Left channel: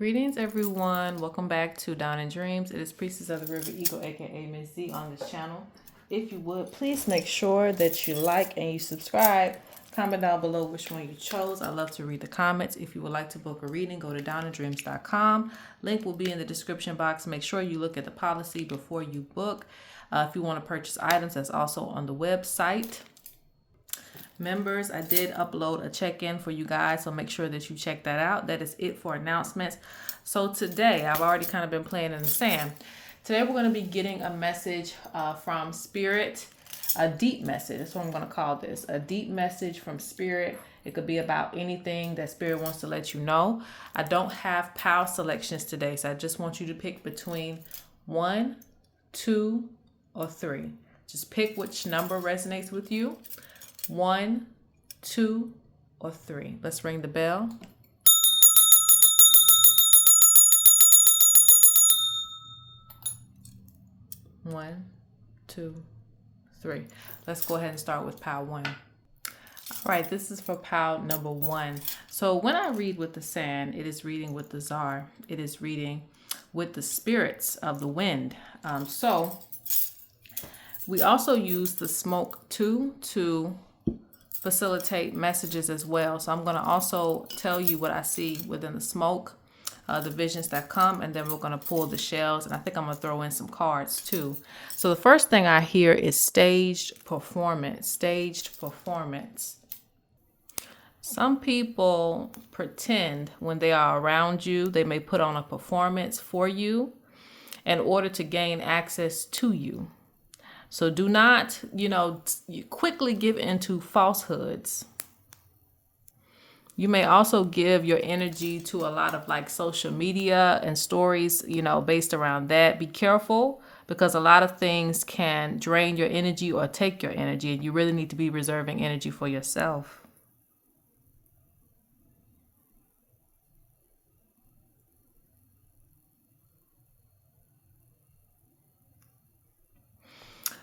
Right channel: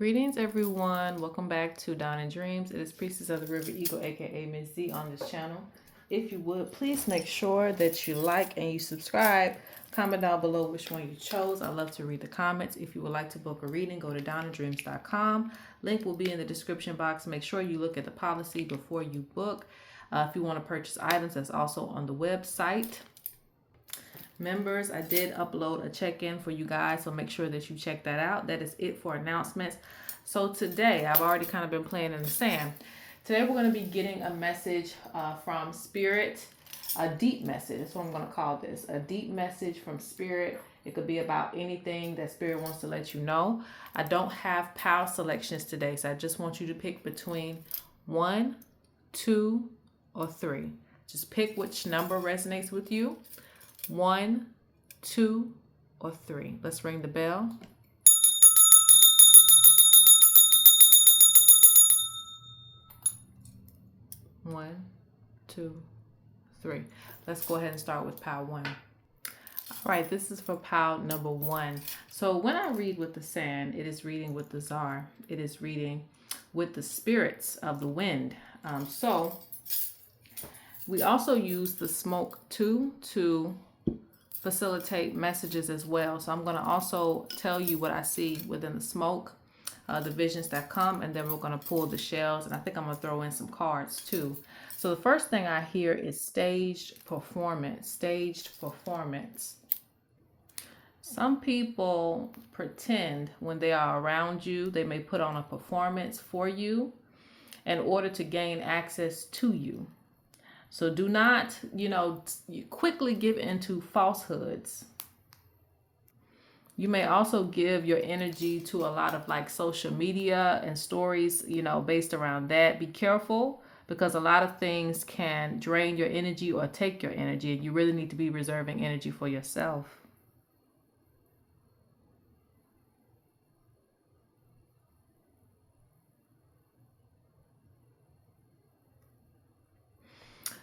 Greetings, everyone. Welcome back to Down in Dreams. It is Priestess of the River Eagle, aka Ms.Z, on this channel. If you would, please make sure that you like and you subscribe. Comment down below which one you chose. I love to read the comments. If you would like to book a reading, go to downinDreams.com. Link will be in the description box. Make sure you look at the policy before you book. If you want to purchase items, that's also on the website. Members, I did upload a check-in for you guys, so make sure that you check that out. That is it for announcements. So today, I've already kind of been playing in the sand. Today we're going to be getting a message from Spirit, a deep message. That's what I'm going to call this, a deep message from Spirit. It could be about anything that Spirit wants to let you know. I don't have POW selections today, so I just want you to pick between 1, 2, or 3. Just pick which number resonates with you. 1, 2, or 3. Let's ring the bell. One, 2, 3. Let's go ahead and start with POW 1. All right, this is for POW number 1. So when I read with the sand, it is reading with the Czar. It is reading with the spirits of the wind. So we also use the smoke too to facilitate messages as well. So I'm going to also tell you what I see within the smoke, the visions that come, and then we're going to pull the shells, and I think I'm going to throw in some cards too. So the first thing I hear is staged performance. Staged performance. Some people pretend when they are around you, they may put on a performance for you in order to gain access to you. So do not, you quickly give into falsehoods. You may also give your energy to a lot of like social media and stories, based around that. Be careful, because a lot of things can drain your energy or take your energy, and you really need to be reserving energy for yourself.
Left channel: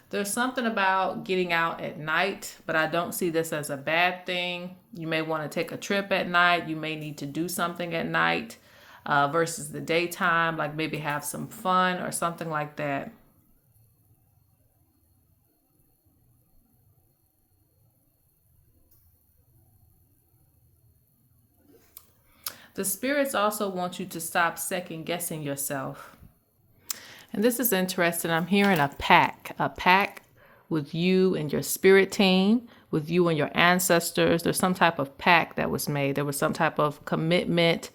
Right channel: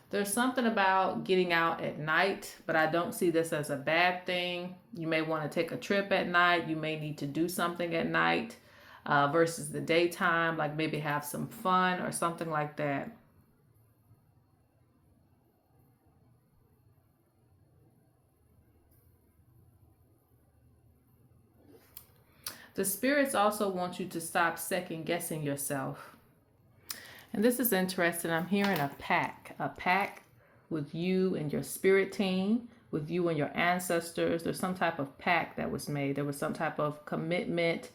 There's something about getting out at night, but I don't see this as a bad thing. You may want to take a trip at night. You may need to do something at night versus the daytime, like maybe have some fun or something like that. The spirits also want you to stop second guessing yourself. And this is interesting. I'm hearing a pack with you and your spirit team, with you and your ancestors. There's some type of pact that was made. There was some type of commitment,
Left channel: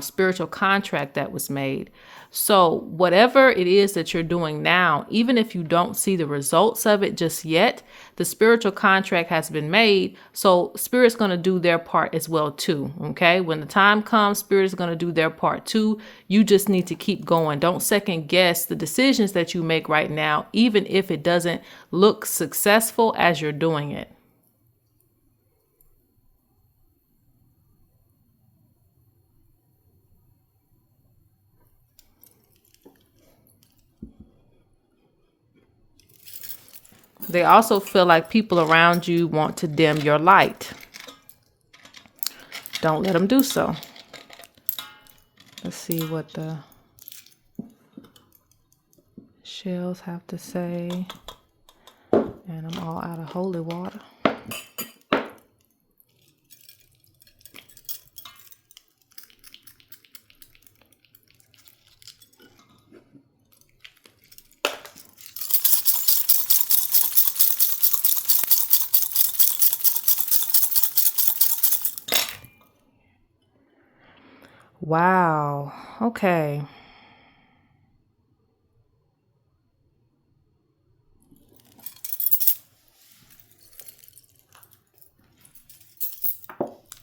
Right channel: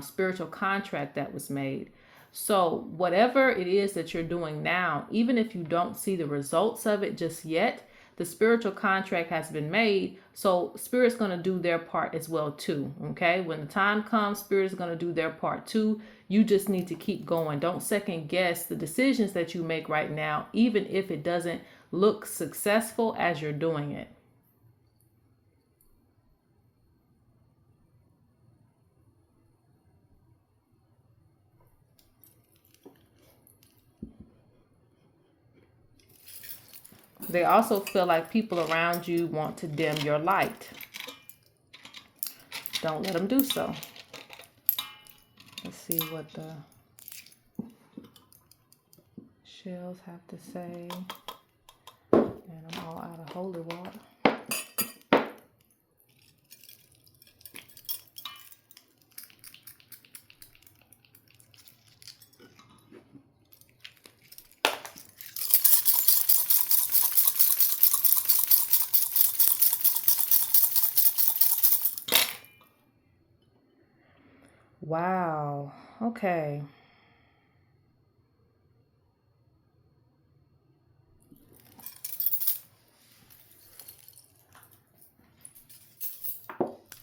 spiritual contract that was made. So whatever it is that you're doing now, even if you don't see the results of it just yet, the spiritual contract has been made. So Spirit's going to do their part as well too. Okay. When the time comes, Spirit is going to do their part too. You just need to keep going. Don't second guess the decisions that you make right now, even if it doesn't look successful as you're doing it. They also feel like people around you want to dim your light. Don't let them do so. Let's see what the shells have to say. And I'm all out of holy water. Wow. Okay.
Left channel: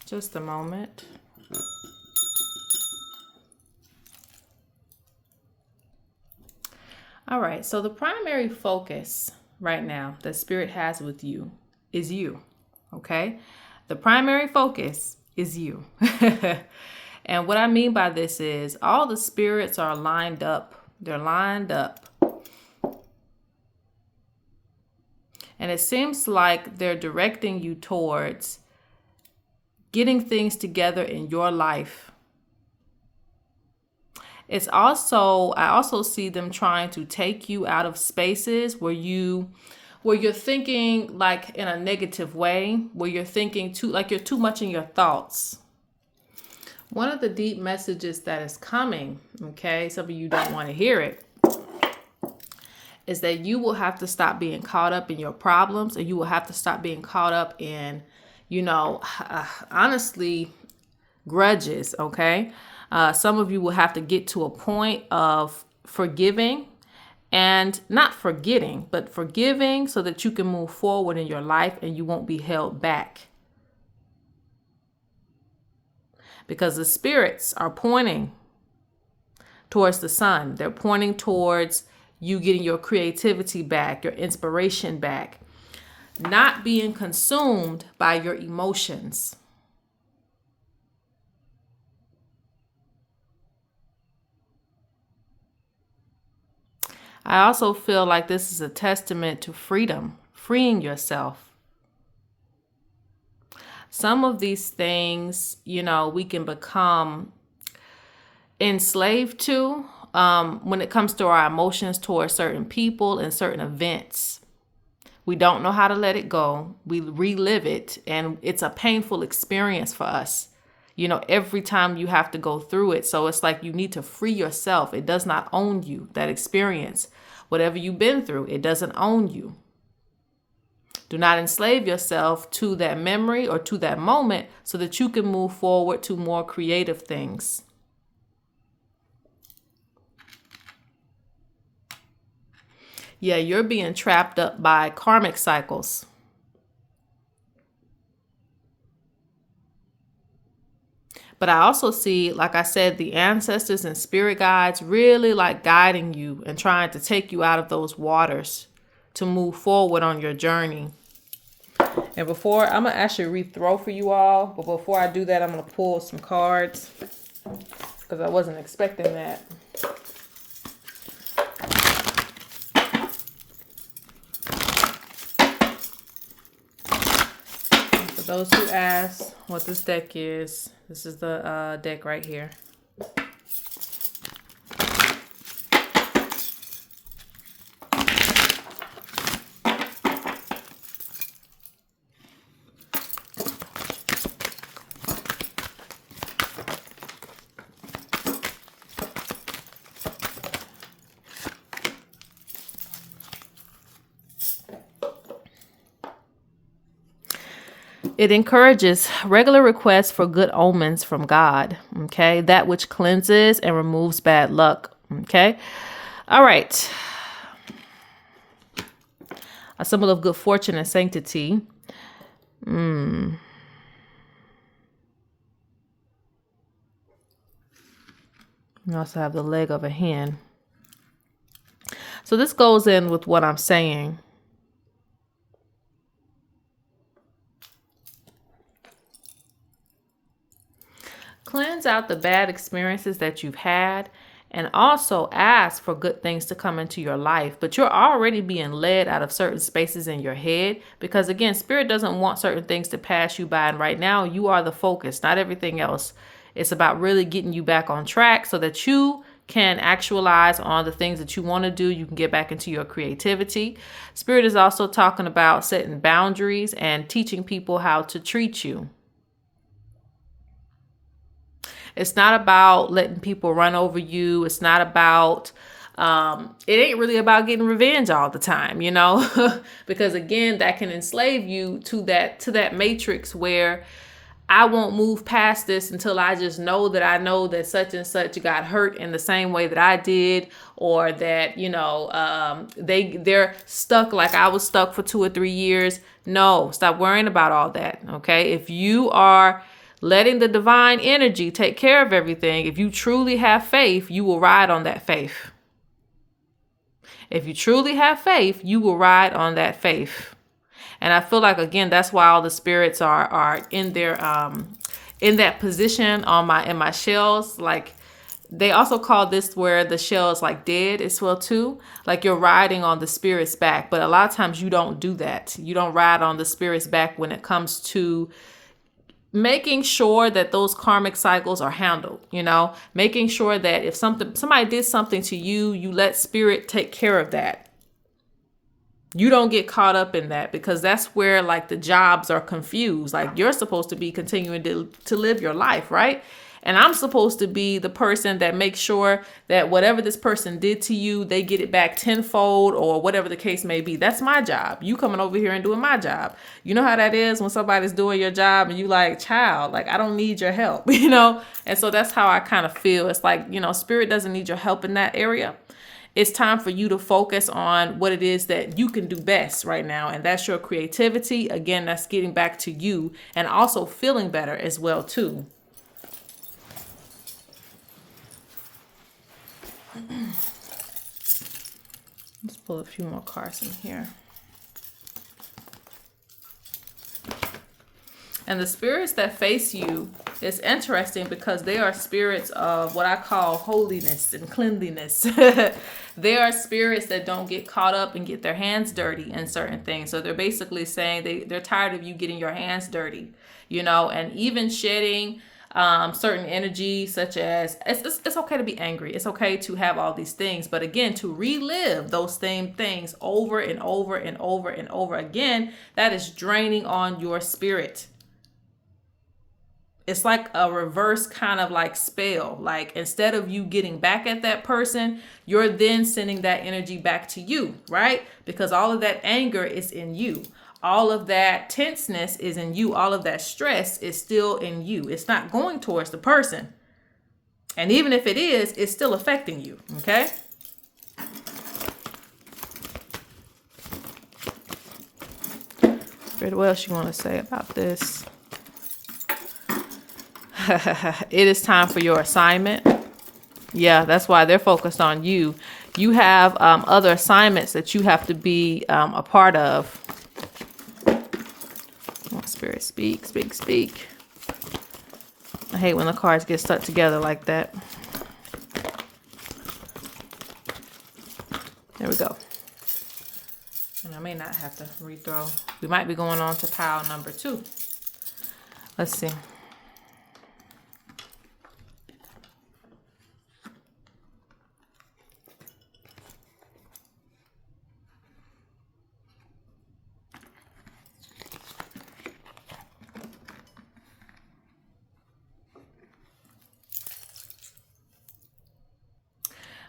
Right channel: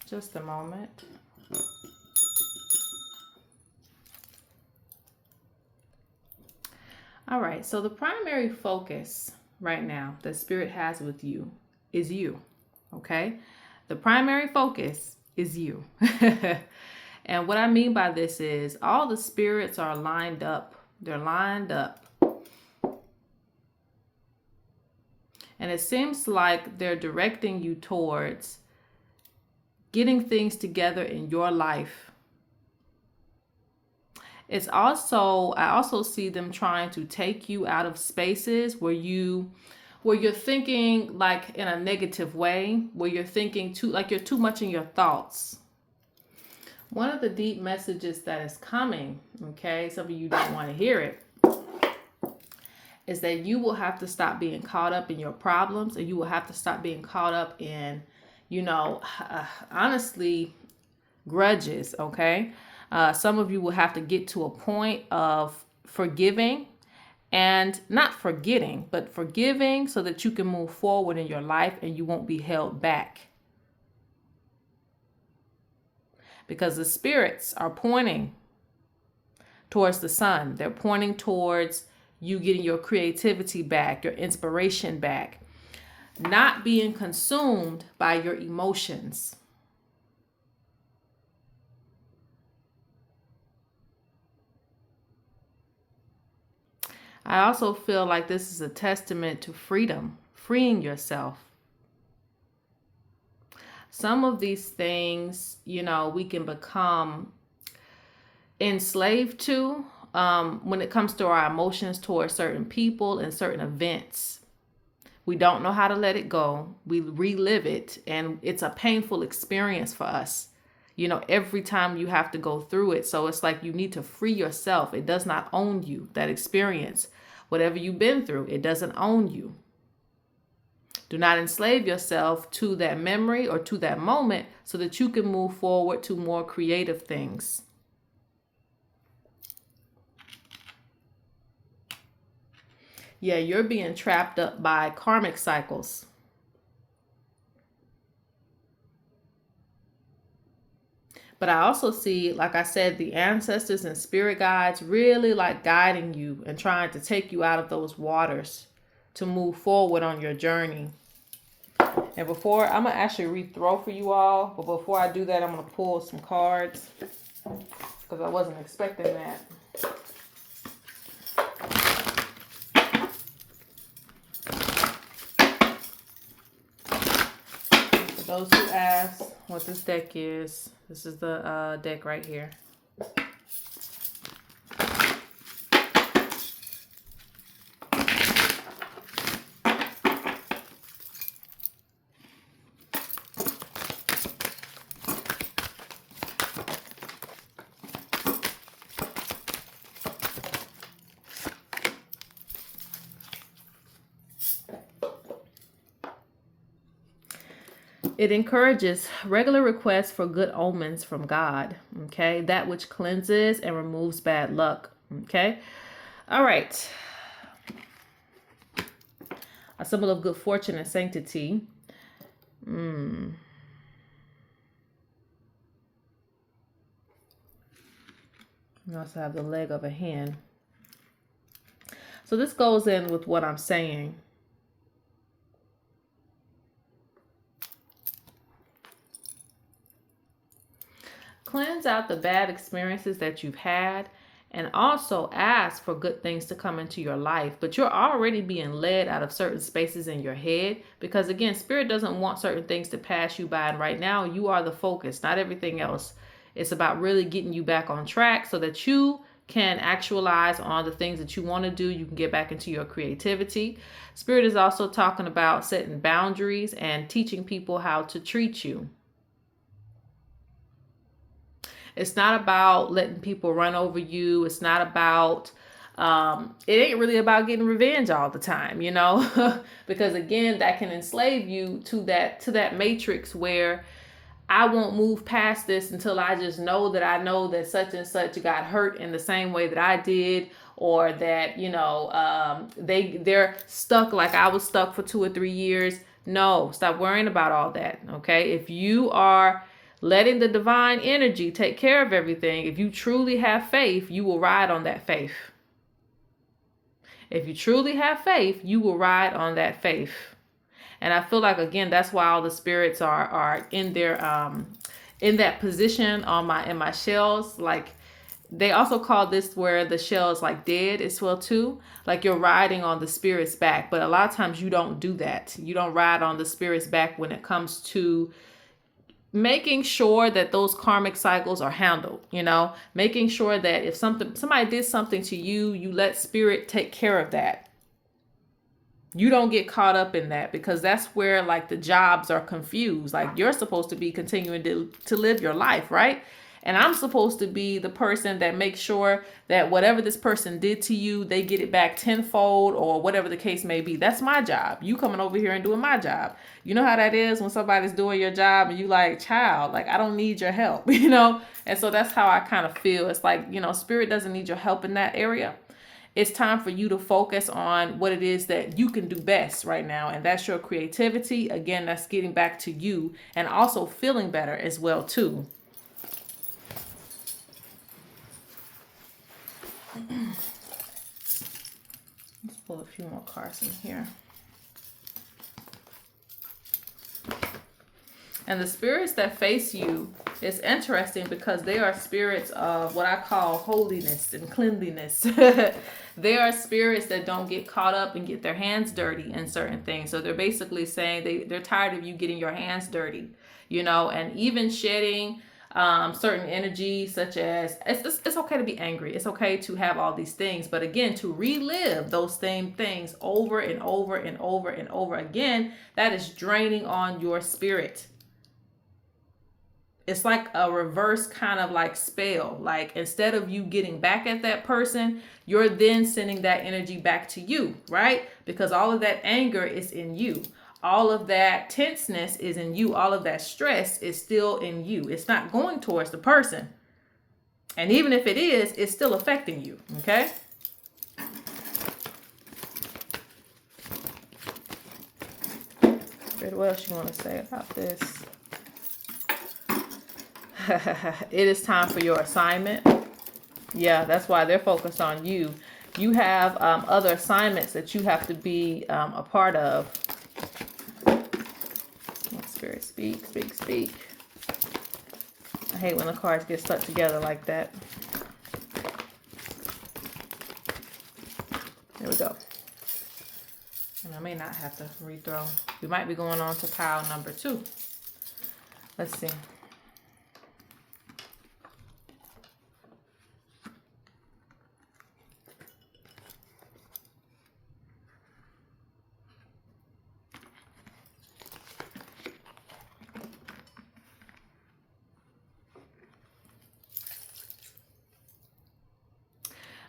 Just a moment. All right. So the primary focus right now that Spirit has with you is you. Okay. The primary focus is you. And what I mean by this is all the spirits are lined up. They're lined up. And it seems like they're directing you towards getting things together in your life I also see them trying to take you out of spaces where you're thinking like in a negative way, where you're thinking too, like you're too much in your thoughts. One of the deep messages that is coming, okay, some of you don't want to hear it, is that you will have to stop being caught up in your problems, and you will have to stop being caught up in, honestly, grudges, okay? Some of you will have to get to a point of forgiving and not forgetting, but forgiving so that you can move forward in your life and you won't be held back. Because the spirits are pointing towards the sun. They're pointing towards you getting your creativity back, your inspiration back, not being consumed by your emotions. I also feel like this is a testament to freedom, freeing yourself. Some of these things, we can become enslaved to when it comes to our emotions towards certain people and certain events. We don't know how to let it go. We relive it, and it's a painful experience for us. Every time you have to go through it. So it's like you need to free yourself. It does not own you, that experience. Whatever you've been through, it doesn't own you. Do not enslave yourself to that memory or to that moment so that you can move forward to more creative things. Yeah, you're being trapped up by karmic cycles. But I also see, like I said, the ancestors and spirit guides really like guiding you and trying to take you out of those waters to move forward on your journey. And I'm going to actually rethrow for you all. But before I do that, I'm going to pull some cards because I wasn't expecting that. For those who ask what this deck is, this is the deck right here. It encourages regular requests for good omens from God, okay? That which cleanses and removes bad luck, okay? All right. A symbol of good fortune and sanctity. You also have the leg of a hen. So this goes in with what I'm saying. Cleanse out the bad experiences that you've had and also ask for good things to come into your life. But you're already being led out of certain spaces in your head because, again, Spirit doesn't want certain things to pass you by. And right now, you are the focus, not everything else. It's about really getting you back on track so that you can actualize on the things that you want to do. You can get back into your creativity. Spirit is also talking about setting boundaries and teaching people how to treat you. It's not about letting people run over you. It's not about, it ain't really about getting revenge all the time, because again, that can enslave you to that matrix where I won't move past this until I just know that such and such got hurt in the same way that I did, or that, they're stuck like I was stuck for 2 or 3 years. No, stop worrying about all that. Okay. If you are letting the divine energy take care of everything, if you truly have faith, you will ride on that faith. If you truly have faith, you will ride on that faith. And I feel like, again, that's why all the spirits are in their in that position in my shells. Like, they also call this where the shell is like dead as well too. Like you're riding on the spirit's back. But a lot of times you don't do that. You don't ride on the spirit's back when it comes to making sure that those karmic cycles are handled, making sure that if somebody did something to you, you let spirit take care of that. You don't get caught up in that, because that's where like the jobs are confused. Like, you're supposed to be continuing to live your life, right? And I'm supposed to be the person that makes sure that whatever this person did to you, they get it back tenfold, or whatever the case may be. That's my job. You coming over here and doing my job. You know how that is when somebody's doing your job and you like, child, like, I don't need your help, And so that's how I kind of feel. It's like, spirit doesn't need your help in that area. It's time for you to focus on what it is that you can do best right now. And that's your creativity. Again, that's getting back to you and also feeling better as well, too. Let's pull a few more cards in here. And the spirits that face you, it's interesting because they are spirits of what I call holiness and cleanliness. They are spirits that don't get caught up and get their hands dirty in certain things. So they're basically saying they're tired of you getting your hands dirty, and even shedding certain energy, such as it's okay to be angry. It's okay to have all these things. But again, to relive those same things over and over and over and over again, that is draining on your spirit. It's like a reverse kind of like spell. Like, instead of you getting back at that person, you're then sending that energy back to you, right? Because all of that anger is in you. All of that tenseness is in you. All of that stress is still in you. It's not going towards the person. And even if it is, it's still affecting you, okay? What else you want to say about this? It is time for your assignment. Yeah, that's why they're focused on you. You have other assignments that you have to be a part of. Spirit, speak, speak, speak. I hate when the cards get stuck together like that. There we go. And I may not have to rethrow. We might be going on to pile number 2. Let's see.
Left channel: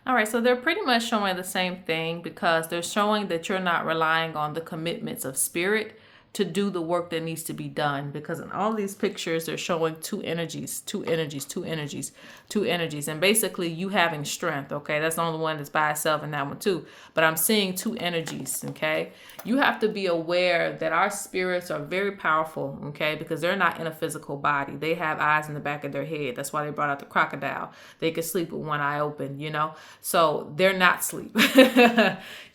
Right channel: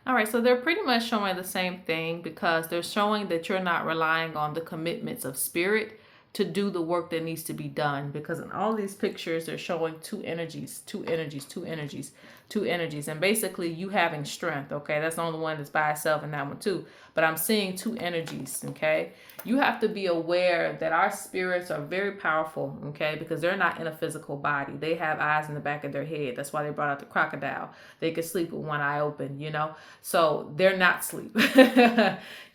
All right, so they're pretty much showing the same thing, because they're showing that you're not relying on the commitments of spirit to do the work that needs to be done. Because in all these pictures, they're showing two energies. And basically you having strength, okay? That's the only one that's by itself in that one too. But I'm seeing two energies, okay? You have to be aware that our spirits are very powerful, okay? Because they're not in a physical body. They have eyes in the back of their head. That's why they brought out the crocodile. They could sleep with one eye open, So they're not asleep.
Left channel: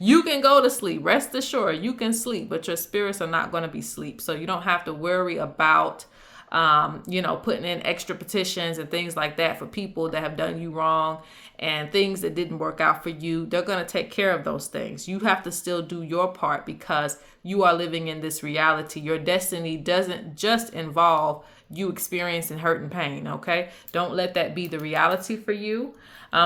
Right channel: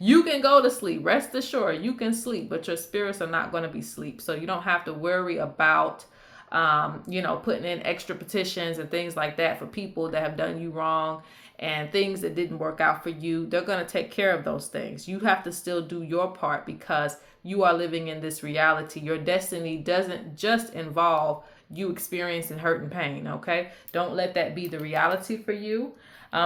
You can go to sleep. Rest assured, you can sleep, but your spirits are not going to be asleep. So you don't have to worry about, putting in extra petitions and things like that for people that have done you wrong and things that didn't work out for you. They're going to take care of those things. You have to still do your part, because you are living in this reality. Your destiny doesn't just involve you experiencing hurt and pain, okay? Don't let that be the reality for you.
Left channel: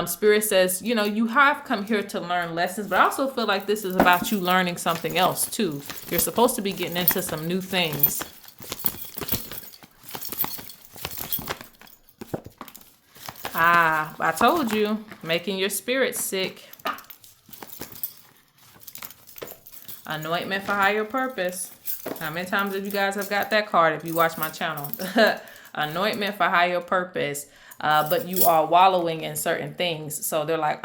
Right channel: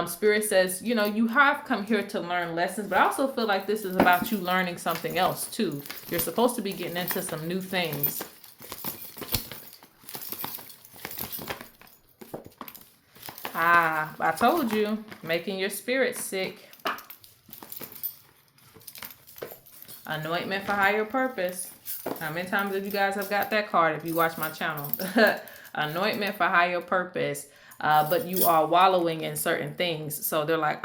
Spirit says, you have come here to learn lessons, but I also feel like this is about you learning something else too. You're supposed to be getting into some new things. I told you, making your spirit sick. Anointment for higher purpose. How many times have you guys have got that card if you watch my channel? Anointment for higher purpose. But you are wallowing in certain things. So they're like,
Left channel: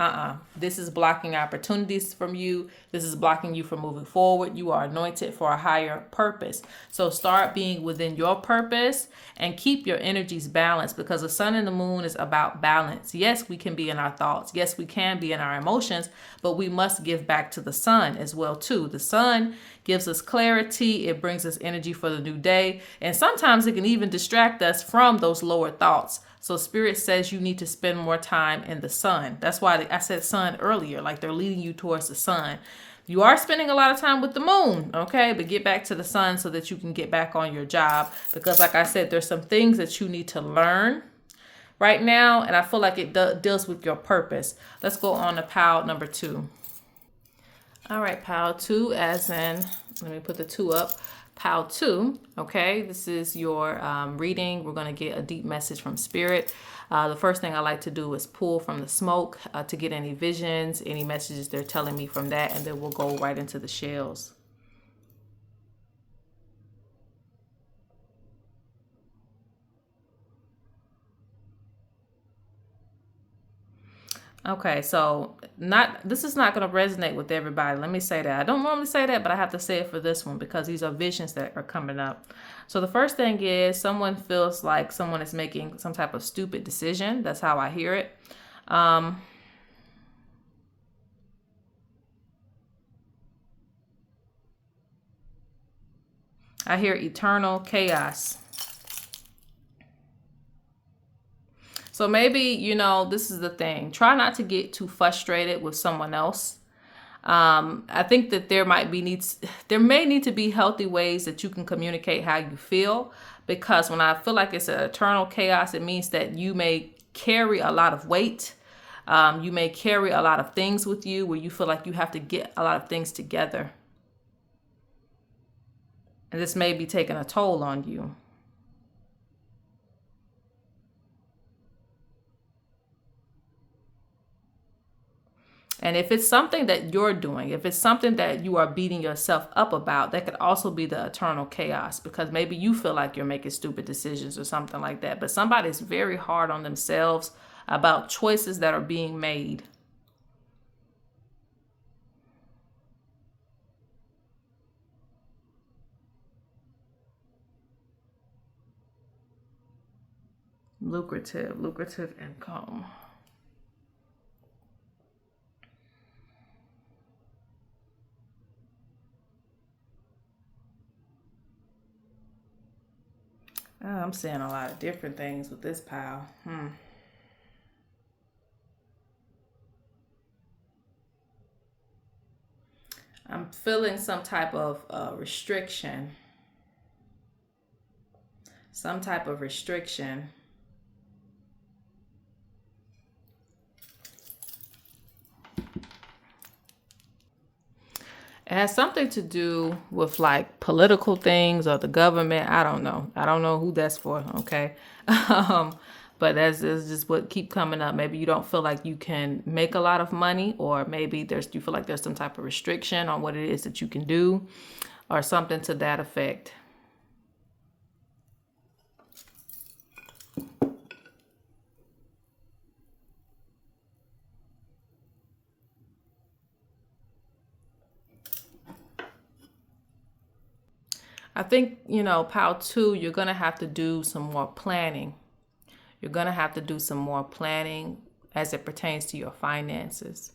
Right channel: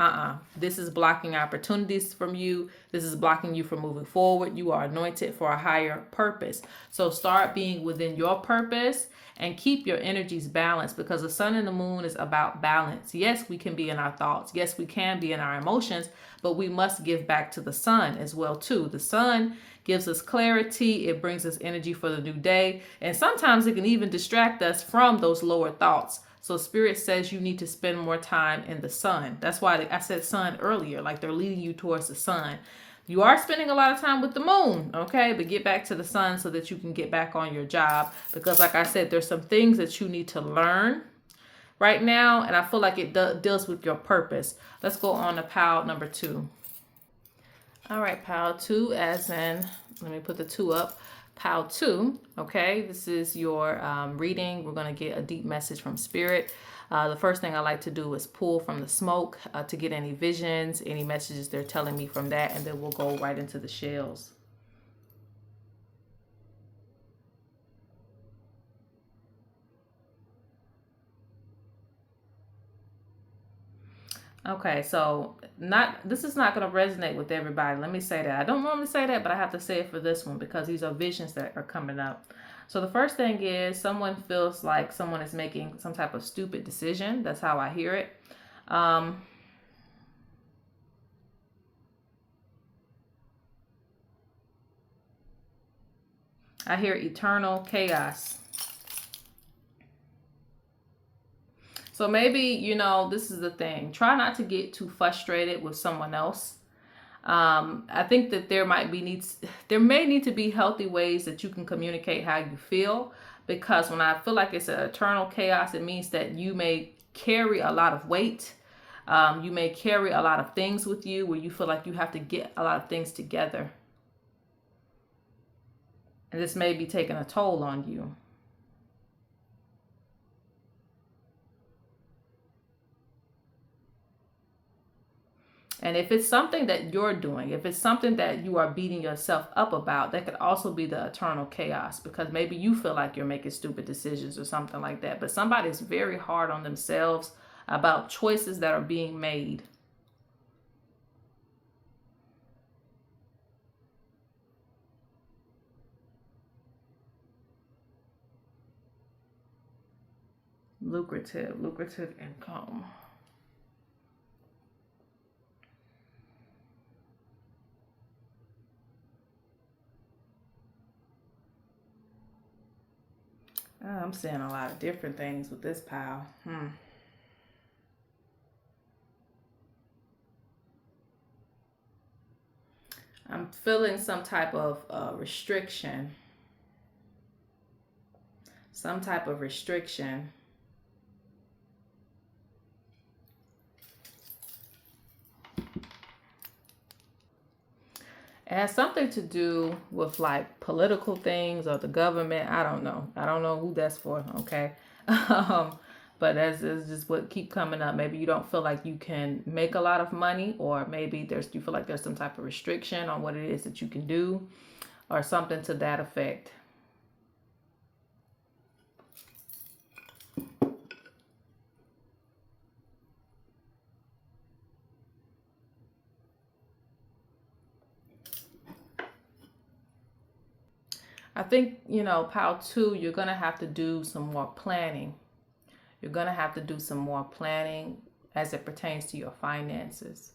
this is blocking opportunities from you. This is blocking you from moving forward. You are anointed for a higher purpose. So start being within your purpose and keep your energies balanced, because the sun and the moon is about balance. Yes, we can be in our thoughts. Yes, we can be in our emotions, but we must give back to the sun as well too. The sun gives us clarity. It brings us energy for the new day. And sometimes it can even distract us from those lower thoughts. So Spirit says you need to spend more time in the sun. That's why I said sun earlier, like they're leading you towards the sun. You are spending a lot of time with the moon, okay? But get back to the sun so that you can get back on your job. Because like I said, there's some things that you need to learn right now. And I feel like it deals with your purpose. Let's go on to pile number 2. All right, pile 2, as in, let me put the 2 up. Pile 2, okay? This is your reading. We're going to get a deep message from Spirit. The first thing I like to do is pull from the smoke to get any visions, any messages they're telling me from that, and then we'll go right into the shells. Okay, so this is not going to resonate with everybody. Let me say that. I don't normally say that, but I have to say it for this one because these are visions that are coming up. So the first thing is someone feels like someone is making some type of stupid decision. That's how I hear it. I hear eternal chaos. So maybe, you know, this is the thing. Try not to get too frustrated with someone else. I think that there may need to be healthy ways that you can communicate how you feel. Because when I feel like it's an eternal chaos, it means that you may carry a lot of weight. You may carry a lot of things with you where you feel like you have to get a lot of things together. And this may be taking a toll on you. And if it's something that you're doing, if it's something that you are beating yourself up about, that could also be the eternal chaos because maybe you feel like you're making stupid decisions or something like that. But somebody's very hard on themselves about choices that are being made. Lucrative income. I'm seeing a lot of different things with this pile. I'm feeling some type of restriction. Some type of restriction. It has something to do with like political things or the government. I don't know. I don't know who that's for. Okay. But that's just what keep coming up. Maybe you don't feel like you can make a lot of money, or maybe you feel like there's some type of restriction on what it is that you can do, or something to that effect. I think, you know, pile 2, you're going to have to do some more planning. You're going to have to do some more planning as it pertains to your finances.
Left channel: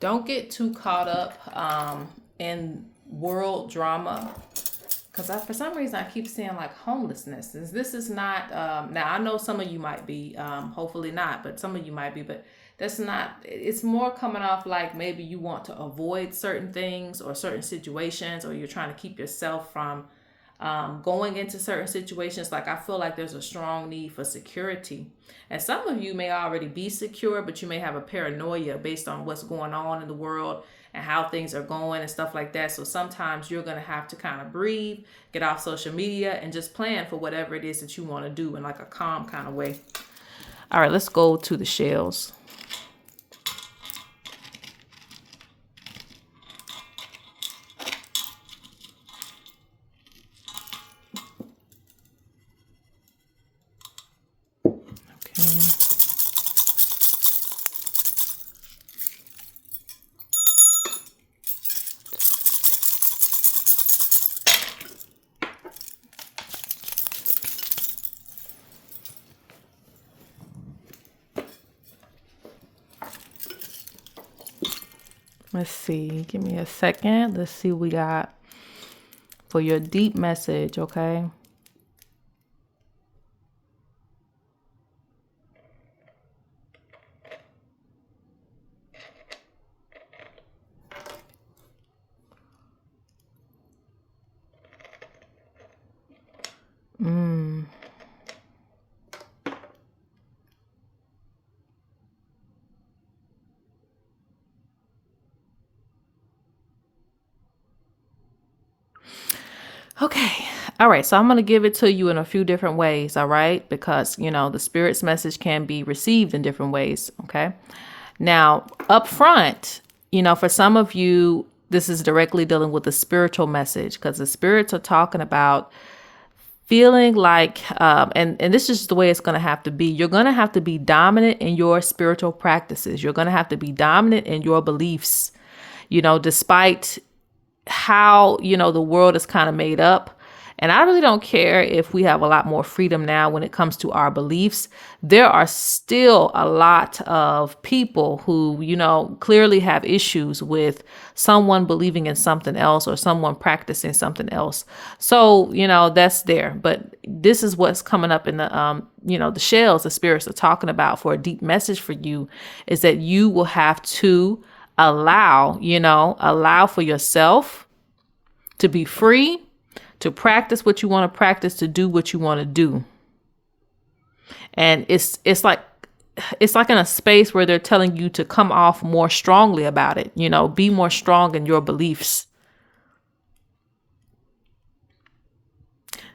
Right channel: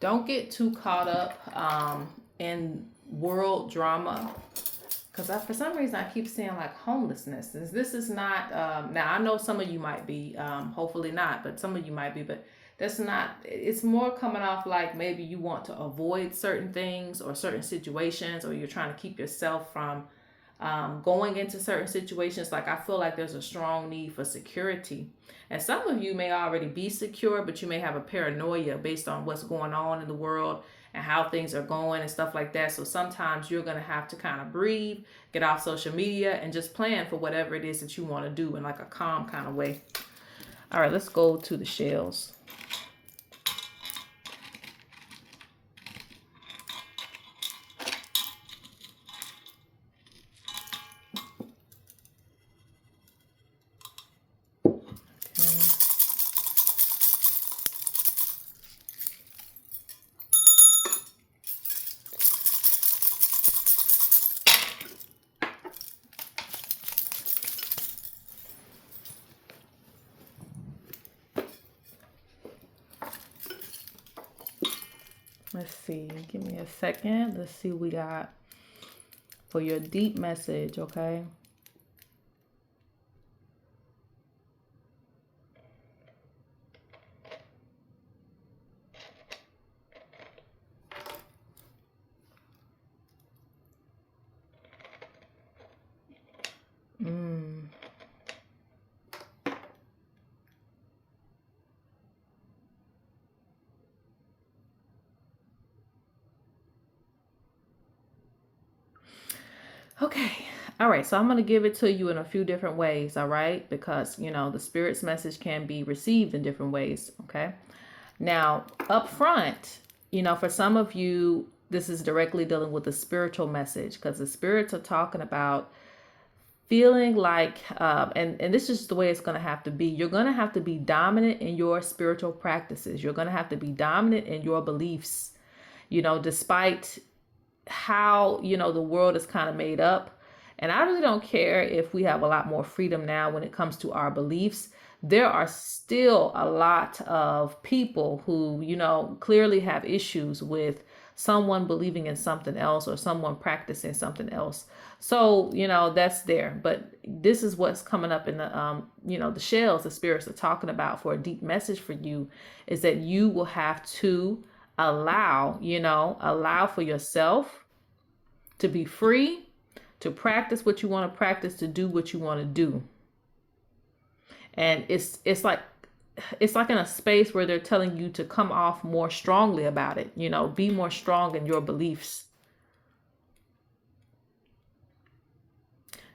Don't get too caught up in world drama. Because for some reason, I keep seeing like homelessness. This is not, now I know some of you might be, hopefully not, but some of you might be, but that's not, it's more coming off like maybe you want to avoid certain things or certain situations, or you're trying to keep yourself from going into certain situations. Like I feel like there's a strong need for security. And some of you may already be secure, but you may have a paranoia based on what's going on in the world and how things are going and stuff like that. So sometimes you're going to have to kind of breathe, get off social media, and just plan for whatever it is that you want to do in like a calm kind of way. All right, let's go to the shells. Let's see. Give me a second. Let's see what we got for your deep message, okay? Mm. Okay. All right. So I'm going to give it to you in a few different ways. All right. Because, the spirit's message can be received in different ways. Okay. Now, up front, for some of you, this is directly dealing with the spiritual message because the spirits are talking about feeling like, and this is the way it's going to have to be. You're going to have to be dominant in your spiritual practices. You're going to have to be dominant in your beliefs, despite how, the world is kind of made up. And I really don't care if we have a lot more freedom now when it comes to our beliefs. There are still a lot of people who, clearly have issues with someone believing in something else or someone practicing something else. So, that's there. But this is what's coming up in the shells the spirits are talking about for a deep message for you is that you will have to allow for yourself to be free, to practice what you want to practice, to do what you want to do. And it's like in a space where they're telling you to come off more strongly about it, be more strong in your beliefs.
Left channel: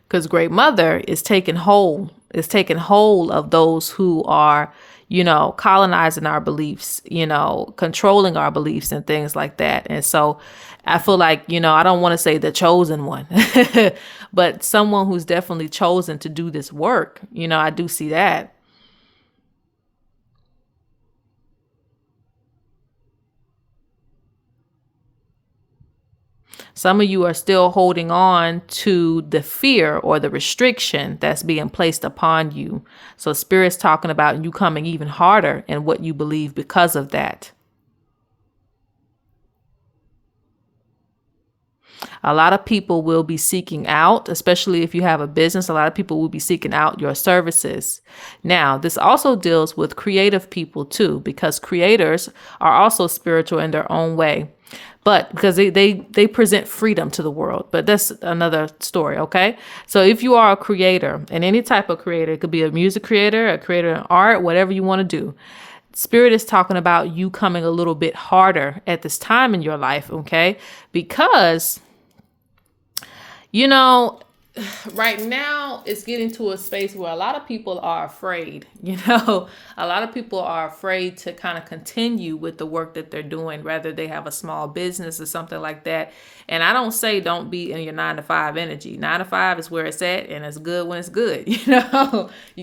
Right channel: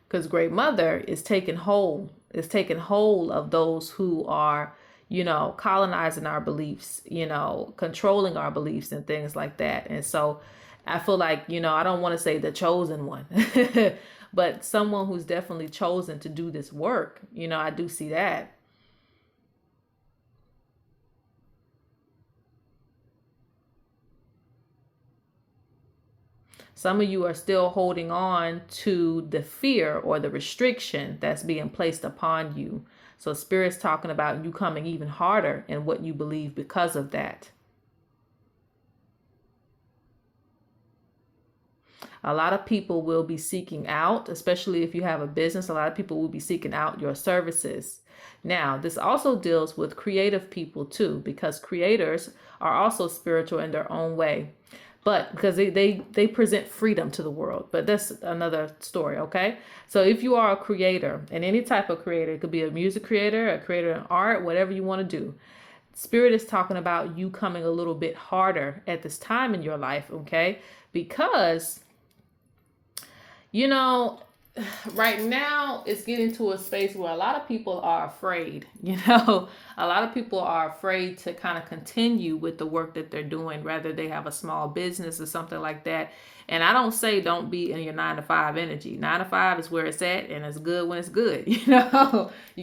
Because Great Mother is taking hold of those who are, colonizing our beliefs, controlling our beliefs and things like that. And so I feel like, I don't want to say the chosen one, but someone who's definitely chosen to do this work. I do see that. Some of you are still holding on to the fear or the restriction that's being placed upon you. So Spirit's talking about you coming even harder in what you believe because of that. A lot of people will be seeking out, especially if you have a business, a lot of people will be seeking out your services. Now, this also deals with creative people too, because creators are also spiritual in their own way. But because they present freedom to the world. But that's another story, okay? So if you are a creator, and any type of creator, it could be a music creator, a creator in art, whatever you want to do. Spirit is talking about you coming a little bit harder at this time in your life, okay? Because, right now it's getting to a space where a lot of people are afraid, a lot of people are afraid to kind of continue with the work that they're doing, whether they have a small business or something like that. And I don't say don't be in your 9-to-5 energy. 9-to-5 is where it's at, and it's good when it's good. You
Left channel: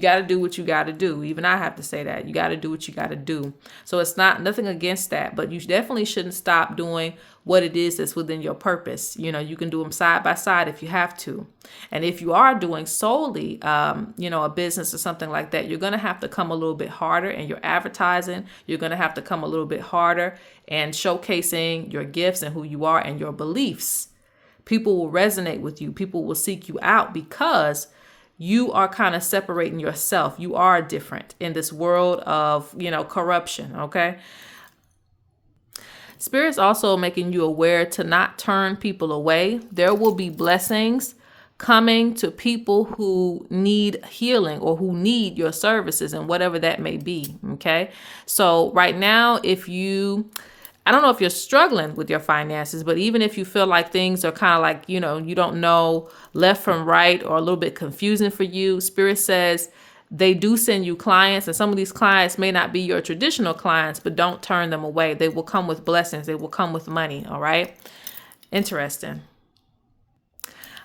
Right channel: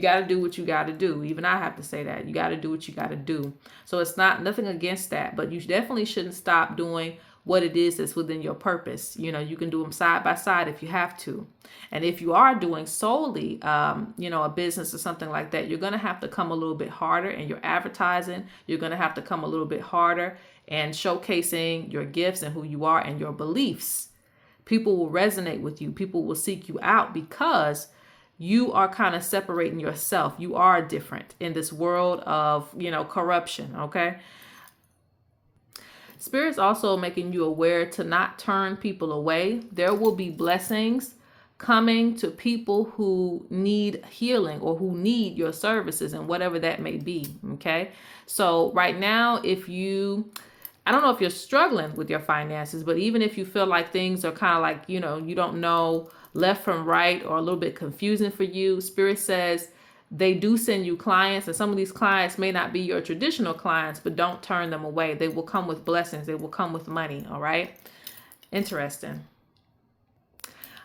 got to do what you got to do. Even I have to say that you got to do what you got to do. So it's nothing against that, but you definitely shouldn't stop doing what it is that's within your purpose. You can do them side by side if you have to. And if you are doing solely, a business or something like that, you're going to have to come a little bit harder in your advertising. You're going to have to come a little bit harder and showcasing your gifts and who you are and your beliefs. People will resonate with you. People will seek you out because you are kind of separating yourself. You are different in this world of, corruption. Okay. Spirit's also making you aware to not turn people away. There will be blessings coming to people who need healing or who need your services and whatever that may be. Okay. So right now, I don't know if you're struggling with your finances, but even if you feel like things are kind of like, you don't know left from right or a little bit confusing for you, Spirit says they do send you clients, and some of these clients may not be your traditional clients, but don't turn them away. They will come with blessings. They will come with money. All right. Interesting.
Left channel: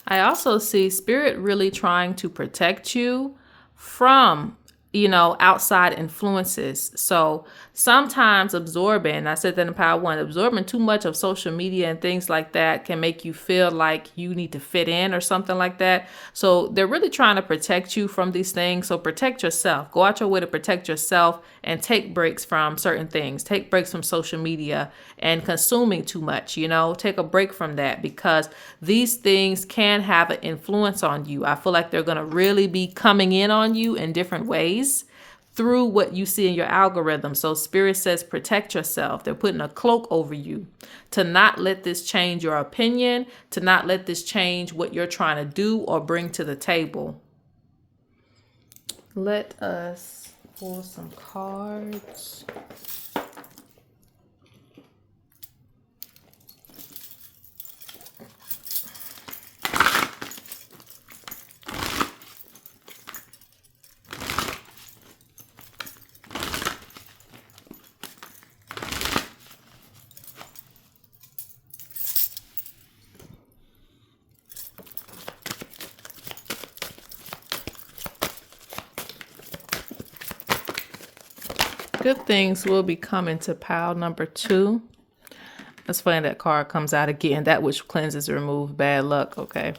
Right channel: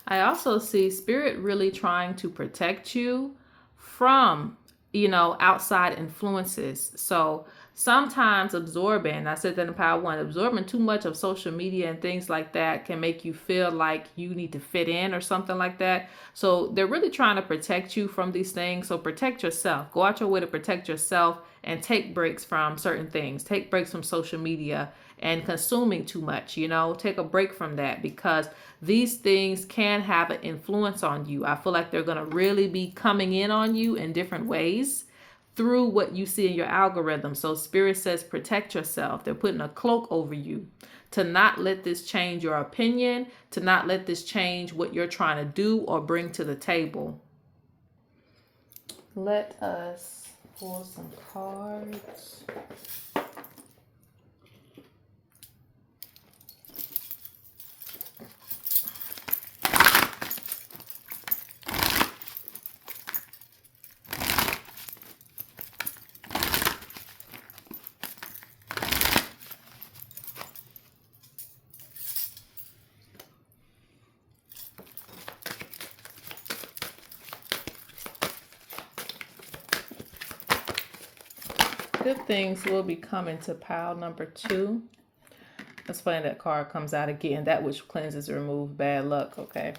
I also see Spirit really trying to protect you from, outside influences. So sometimes absorbing, I said that in Power 1, absorbing too much of social media and things like that can make you feel like you need to fit in or something like that. So they're really trying to protect you from these things. So protect yourself. Go out your way to protect yourself and take breaks from certain things. Take breaks from social media and consuming too much, take a break from that because these things can have an influence on you. I feel like they're going to really be coming in on you in different ways through what you see in your algorithm. So Spirit says protect yourself. They're putting a cloak over you to not let this change your opinion, to not let this change what you're trying to do or bring to the table. Let us pull some cards. Good things will be coming to pile number 2. That's funny that card comes out again. That which cleanses, remove bad luck. Okay.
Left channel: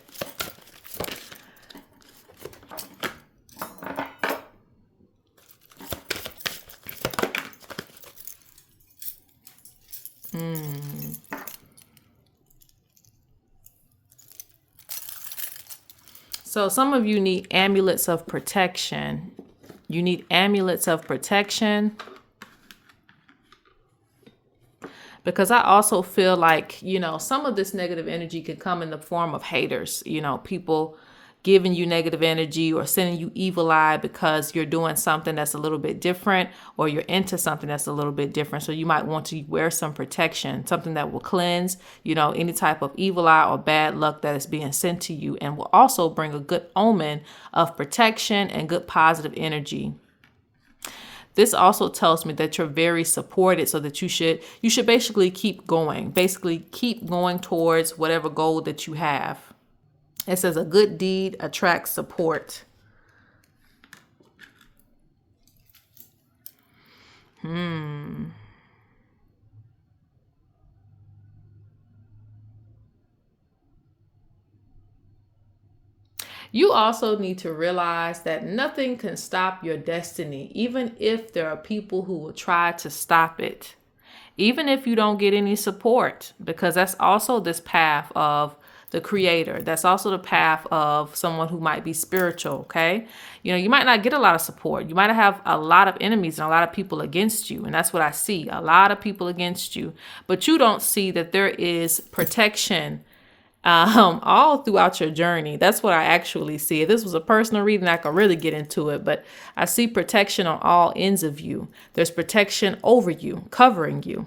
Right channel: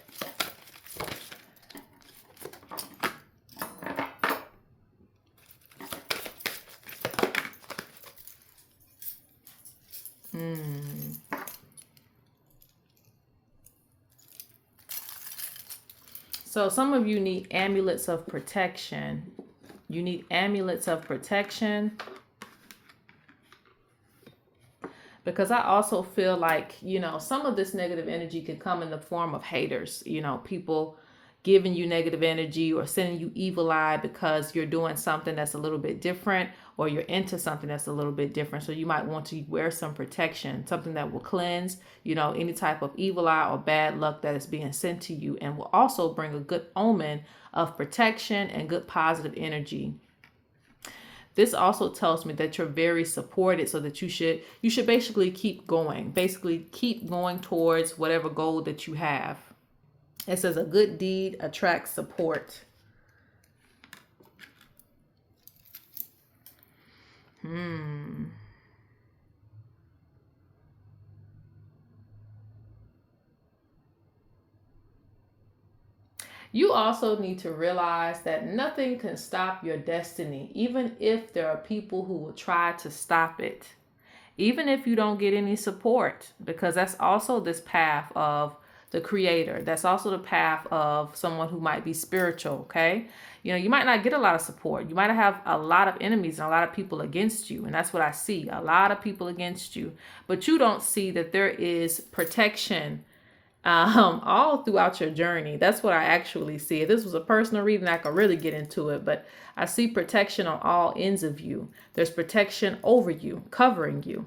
So some of you need amulets of protection. You need amulets of protection. Because I also feel like, some of this negative energy could come in the form of haters, people giving you negative energy or sending you evil eye because you're doing something that's a little bit different, or you're into something that's a little bit different. So you might want to wear some protection, something that will cleanse, any type of evil eye or bad luck that is being sent to you, and will also bring a good omen of protection and good positive energy. This also tells me that you're very supported, so that you should basically keep going. Basically keep going towards whatever goal that you have. It says a good deed attracts support. You also need to realize that nothing can stop your destiny, even if there are people who will try to stop it. Even if you don't get any support, because that's also this path of the creator. That's also the path of someone who might be spiritual, okay? You might not get a lot of support. You might have a lot of enemies and a lot of people against you. And that's what I see, a lot of people against you. But you don't see that there is protection all throughout your journey. That's what I actually see. If this was a personal reading, I could really get into it, but I see protection on all ends of you. There's protection over you, covering you.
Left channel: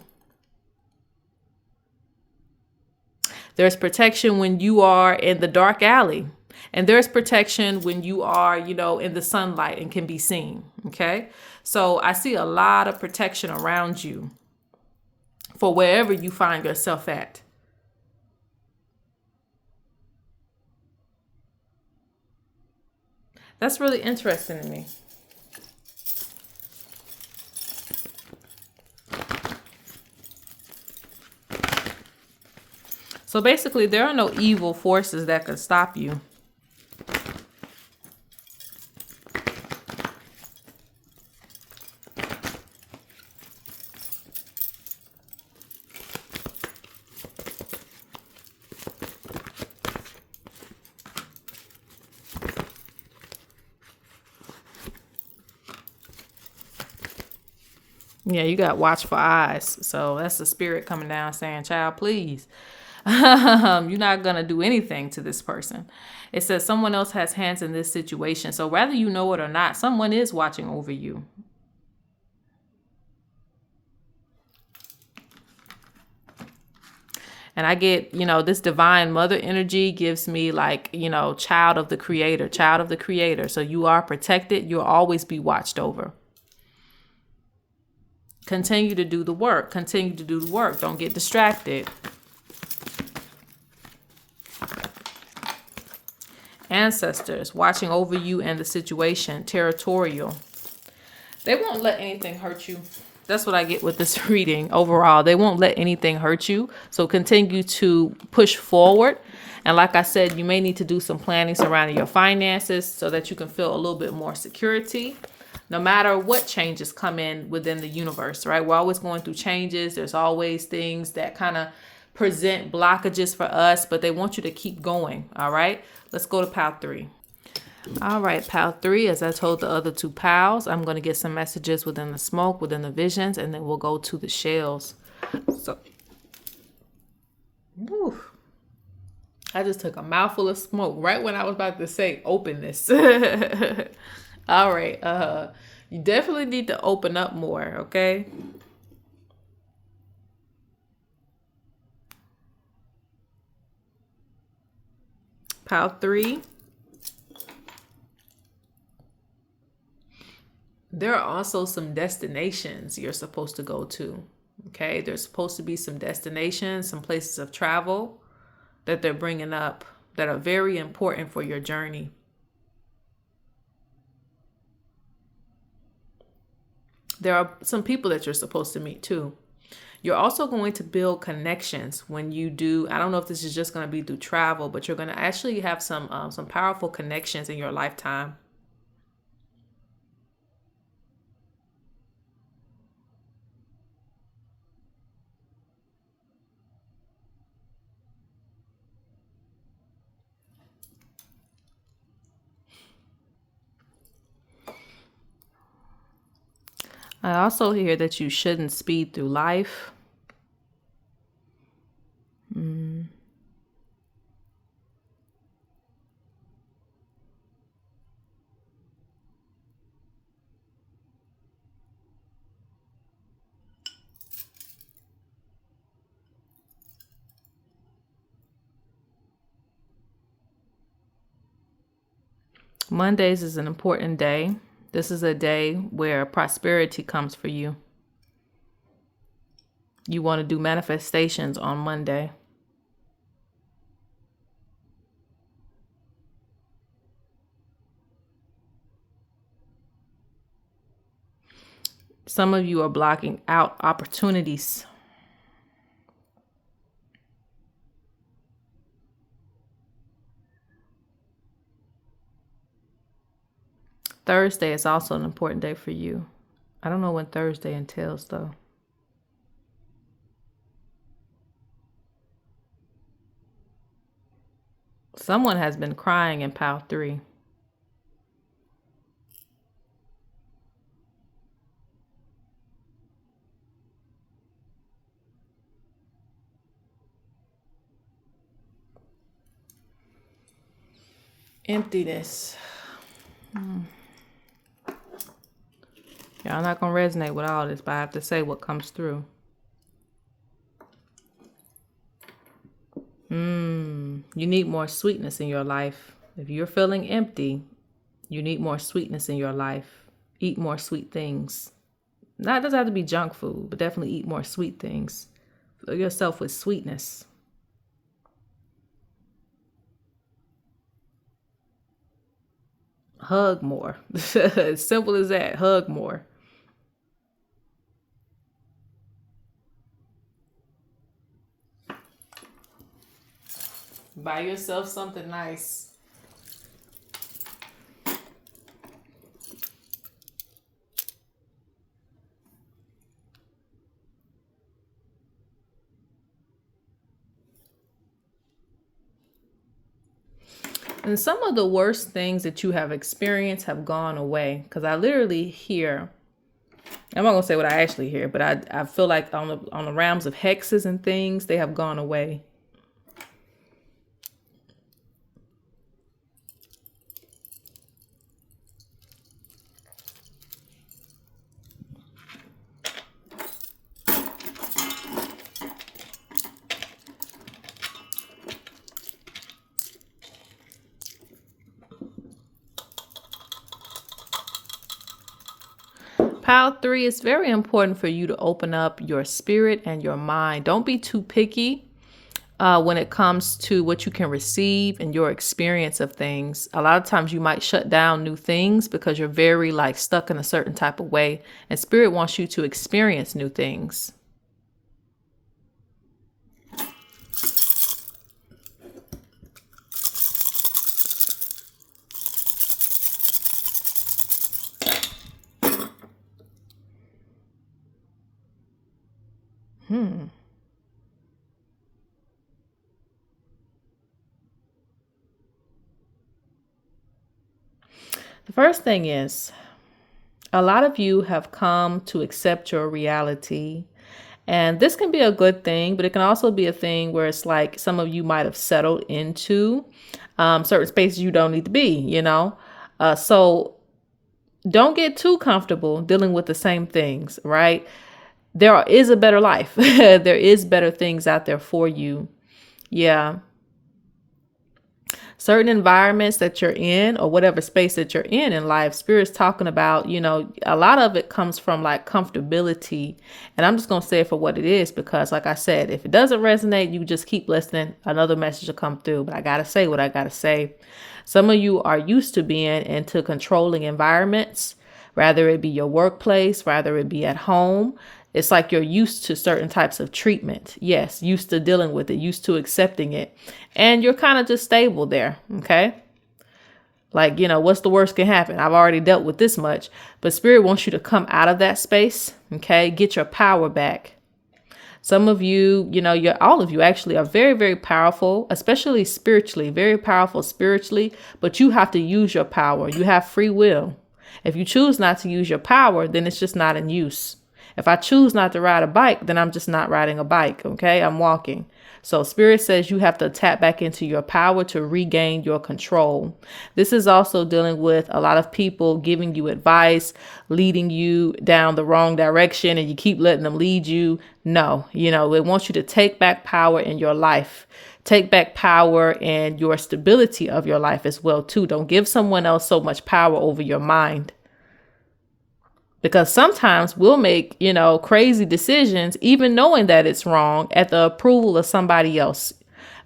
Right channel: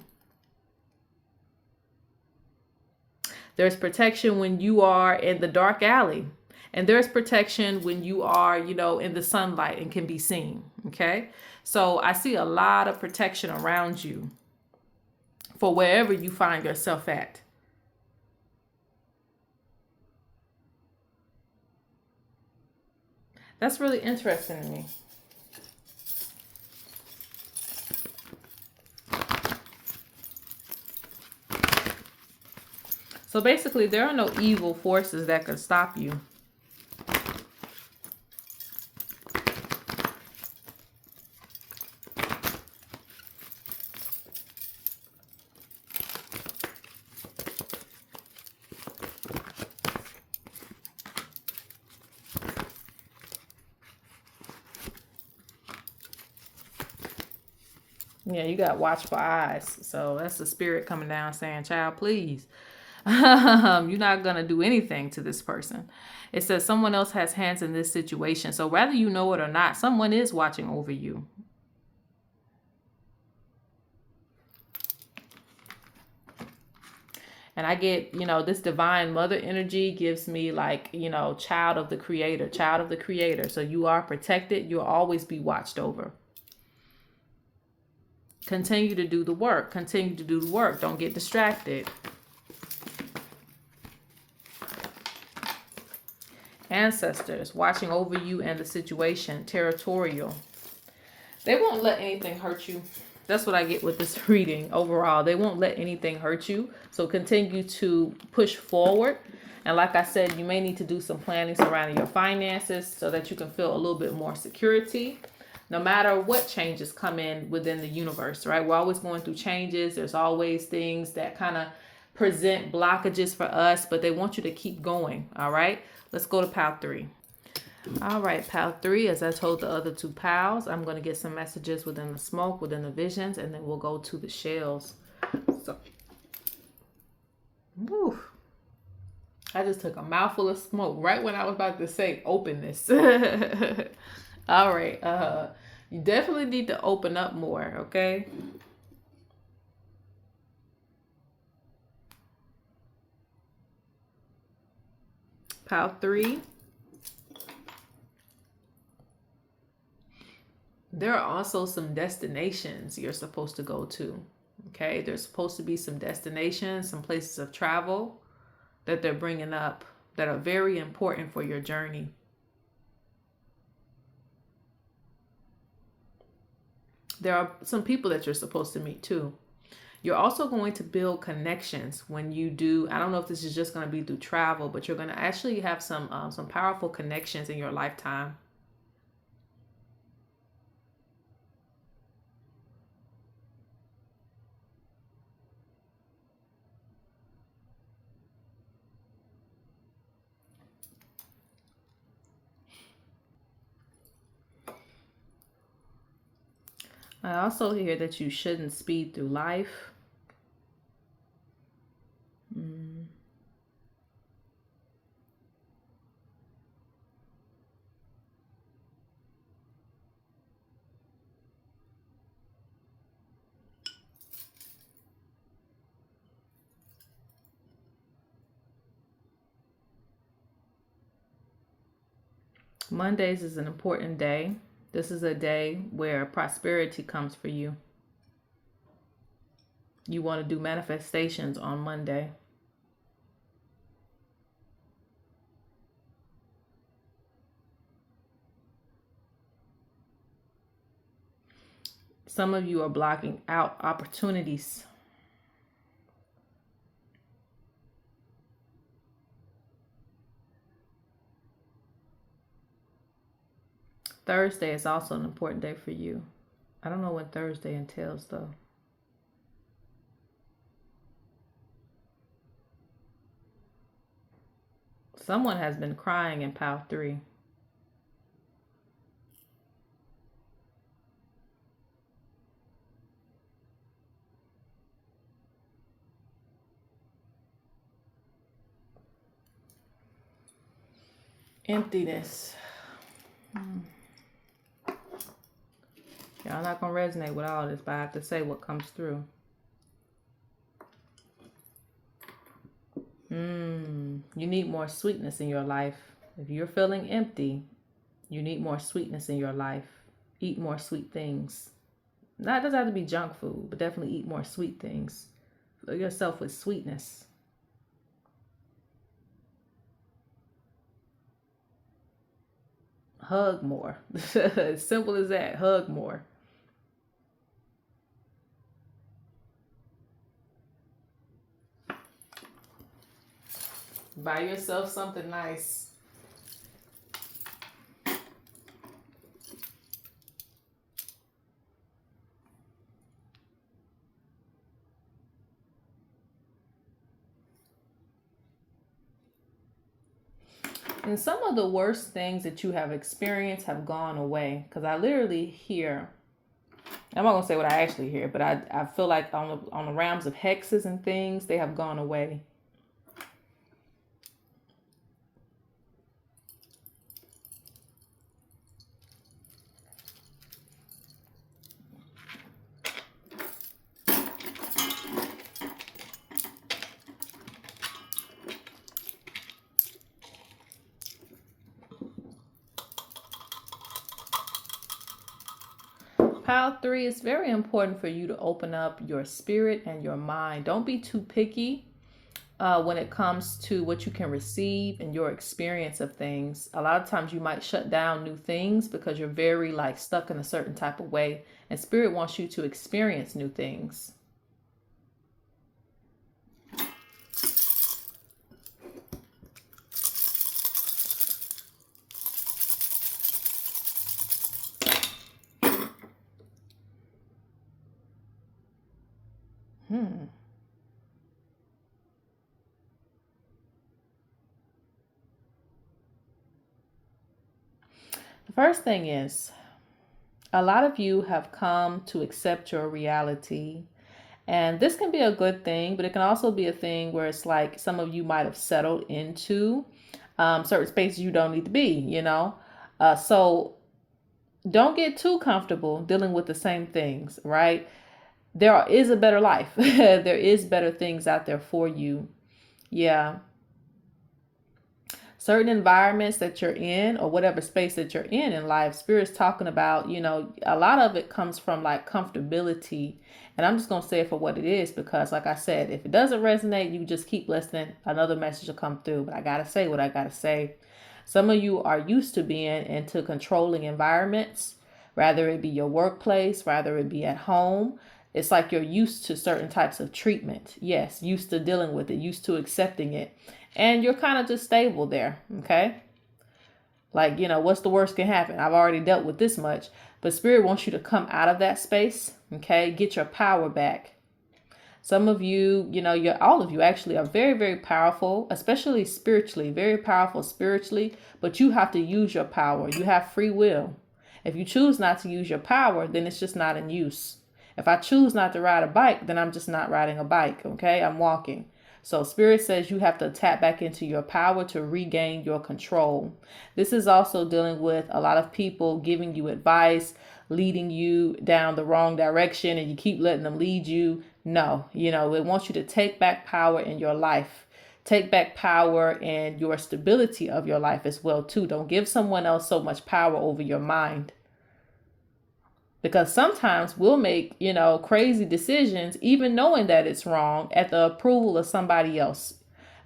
There's protection when you are in the dark alley, and there's protection when you are, in the sunlight and can be seen. Okay. So I see a lot of protection around you for wherever you find yourself at. That's really interesting to me. So basically, there are no evil forces that could stop you. Yeah, you got watchful eyes. So that's the spirit coming down saying, child, please. You're not going to do anything to this person. It says someone else has hands in this situation. So whether you know it or not, someone is watching over you. And I get, this divine mother energy gives me like, child of the creator, child of the creator. So you are protected. You'll always be watched over. Continue to do the work. Continue to do the work. Don't get distracted. Ancestors watching over you and the situation. Territorial. They won't let anything hurt you. That's what I get with this reading overall. They won't let anything hurt you. So continue to push forward. And like I said, you may need to do some planning surrounding your finances so that you can feel a little bit more security. No matter what changes come in within the universe, right? We're always going through changes. There's always things that kind of present blockages for us, but they want you to keep going, all right? Let's go to pile 3. All right, pile 3, as I told the other 2 piles, I'm going to get some messages within the smoke, within the visions, and then we'll go to the shells. So, whew, I just took a mouthful of smoke right when I was about to say open this. All right. You definitely need to open up more, okay? Pile 3. There are also some destinations you're supposed to go to. Okay, there's supposed to be some destinations, some places of travel that they're bringing up that are very important for your journey. There are some people that you're supposed to meet too. You're also going to build connections when you do. I don't know if this is just going to be through travel, but you're going to actually have some powerful connections in your lifetime. I also hear that you shouldn't speed through life. Mondays is an important day. This is a day where prosperity comes for you. You want to do manifestations on Monday. Some of you are blocking out opportunities. Thursday is also an important day for you. I don't know what Thursday entails though. Someone has been crying in pile 3. Emptiness. Yeah, I'm not going to resonate with all this, but I have to say what comes through. You need more sweetness in your life. If you're feeling empty, you need more sweetness in your life. Eat more sweet things. Not, it doesn't have to be junk food, but definitely eat more sweet things. Fill yourself with sweetness. Hug more. As simple as that. Hug more. Buy yourself something nice. And some of the worst things that you have experienced have gone away. Because I literally hear, I'm not going to say what I actually hear, but I feel like on the realms of hexes and things, they have gone away. Pile 3, it's very important for you to open up your spirit and your mind. Don't be too picky when it comes to what you can receive and your experience of things. A lot of times you might shut down new things because you're very stuck in a certain type of way. And spirit wants you to experience new things. The first thing is, a lot of you have come to accept your reality. And this can be a good thing, but it can also be a thing where it's like some of you might have settled into certain spaces you don't need to be, So don't get too comfortable dealing with the same things, right? There is a better life. There is better things out there for you. Yeah. Certain environments that you're in, or whatever space that you're in life, Spirit's talking about, a lot of it comes from like comfortability. And I'm just going to say it for what it is, because like I said, if it doesn't resonate, you just keep listening. Another message will come through, but I got to say what I got to say. Some of you are used to being into controlling environments, rather it be your workplace, rather it be at home. It's like you're used to certain types of treatment. Yes, used to dealing with it, used to accepting it. And you're kind of just stable there. Okay. Like, what's the worst can happen? I've already dealt with this much. But Spirit wants you to come out of that space. Okay. Get your power back. Some of you, all of you actually are very, very powerful, especially spiritually, very powerful spiritually. But you have to use your power. You have free will. If you choose not to use your power, then it's just not in use. If I choose not to ride a bike, then I'm just not riding a bike. Okay. I'm walking. So Spirit says you have to tap back into your power to regain your control. This is also dealing with a lot of people giving you advice, leading you down the wrong direction, and you keep letting them lead you. No, it wants you to take back power in your life. Take back power in your stability of your life as well, too. Don't give someone else so much power over your mind. Because sometimes we'll make, crazy decisions, even knowing that it's wrong, at the approval of somebody else,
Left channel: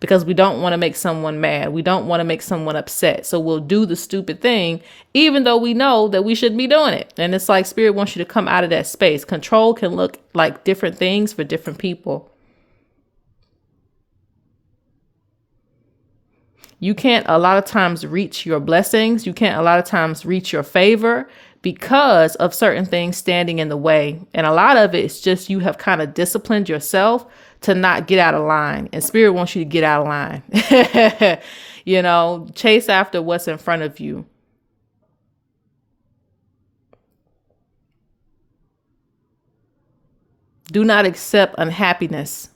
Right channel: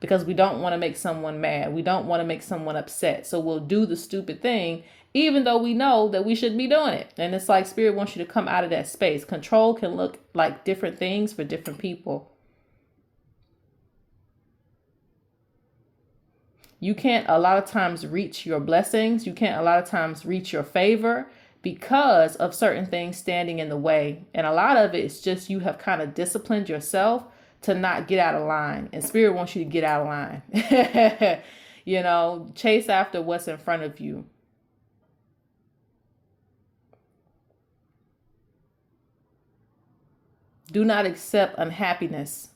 because we don't want to make someone mad. We don't want to make someone upset. So we'll do the stupid thing, even though we know that we shouldn't be doing it. And it's like Spirit wants you to come out of that space. Control can look like different things for different people. You can't a lot of times reach your blessings. You can't a lot of times reach your favor, because of certain things standing in the way. And a lot of it is just you have kind of disciplined yourself to not get out of line. And Spirit wants you to get out of line. Chase after what's in front of you. Do not accept unhappiness.